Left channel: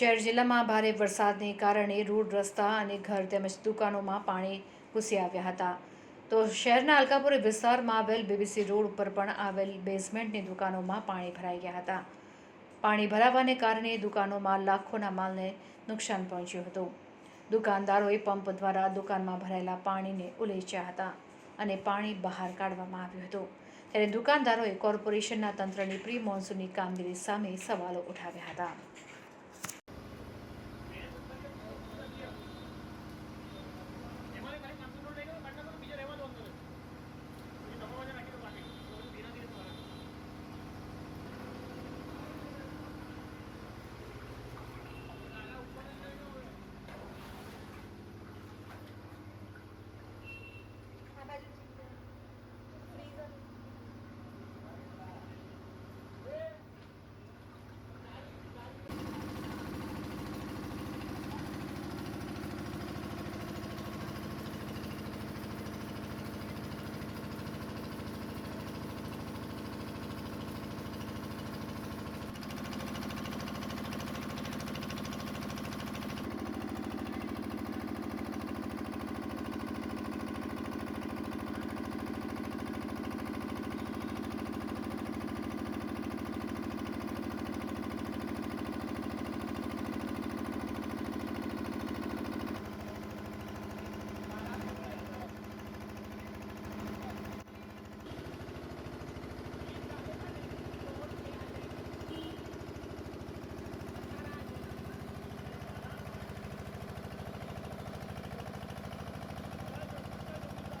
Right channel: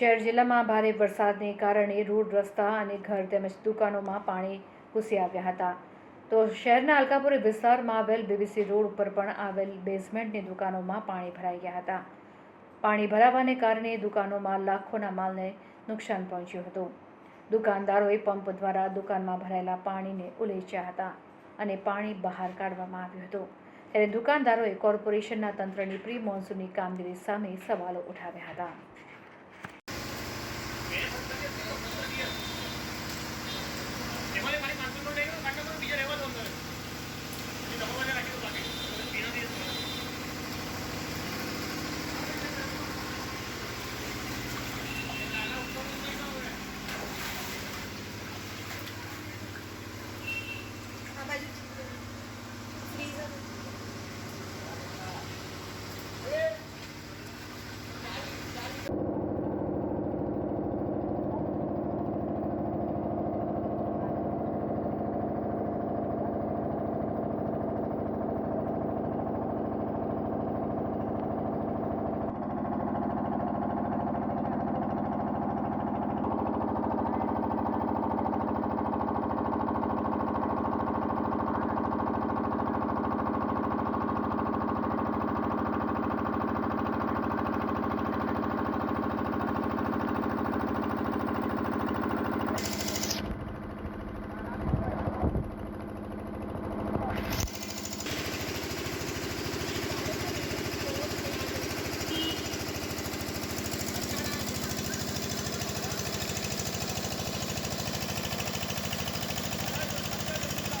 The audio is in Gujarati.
શહેર જિલ્લામાં ભારે વરસાદને કારણે રોડ રસ્તા અને ઘર તેમજ દુકાનોમાં પાણી ઘૂસી આવ્યા હતા. તો શહેરના અલકાપુરી વિસ્તારમાં આવેલ BBC રોડ ઉપર પણ આવેલ બેઝમેન્ટની દુકાનોમાં પાણી ભરાઈ ગયા હતા. પાણી ભરાવાને કારણે દુકાનોમાં લાખોના માલને નુકસાન પહોંચ્યું હતું. દુકાનદારોએ પંપ દ્વારા દુકાનમાં ભરાયેલા પાણીને ઉલેચ્યા હતા અને પાણી બહાર કાઢવામાં આવ્યું હતું. ત્યારે દુકાનદારોએ કોર્પોરેશનના તંત્રની પ્રી મોન્સૂનની કામગીરી સામે સવાલો ઉઠાવ્યા હતા.